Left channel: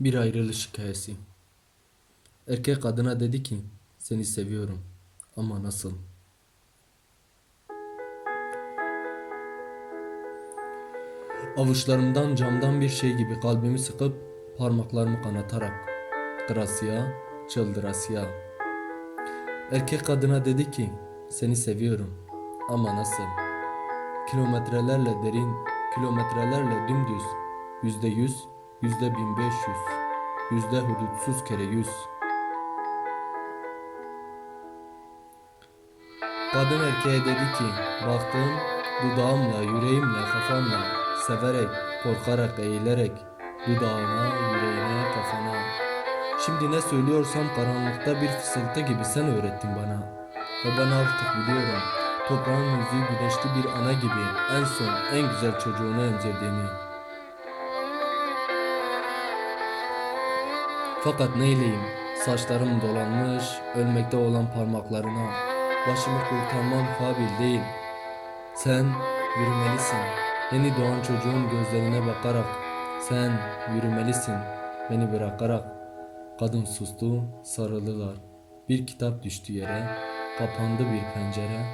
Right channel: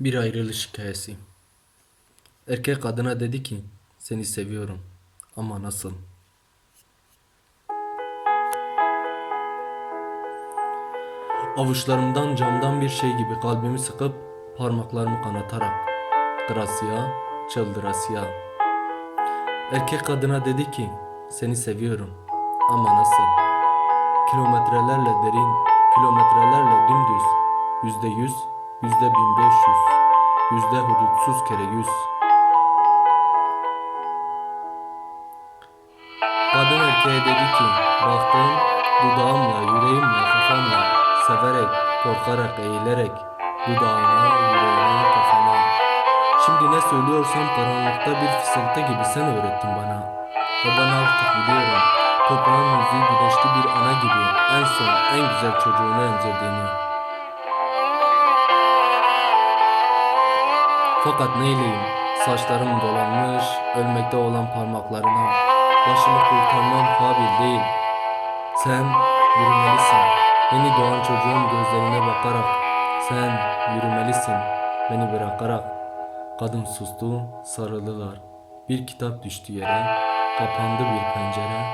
Bir ayrılış hikayesi. Erkek kadına dedi ki, seni seviyorum. Ama nasıl? Avuçlarımdan camdan bir şey gibi kalbimi sıkıp parmaklarımı kanatarak. Gracia, çıldırasya. Erkek kadına dedi ki, seni seviyorum. Ama nasıl? Kilometrelerle derin, kilometrelerle dümdüz. Yüzde yüz, yüzde bin beş yüz. Yüzde hudutsuz kere yüz. Kadın erkeğe dedi ki, baktım dudağımla, yüreğimle, kafamla, severek, korkarak, eğilerek, dudağına, yüreğine, kafana. Şimdi ne söylüyorsam karanlıkta bir fısıltı gibi sen öğrettin bana. Ve ben artık biliyorum, toprağın yüzü güneşli bir ana gibi en son, en güzel çocuğunu emzirdiğini. Fakat neyleyim, saçlarım dolanmış, ölmekte olan parmaklarına, başımı kurtarmam kabil değil. Sen yürümelisin, yeni doğan çocuğun gözlerine bakarak, sen yürümelisin, beni bırakarak. Kadın sustu, sarıldılar. Bir kitap düştü yere, kapandı bir pencere.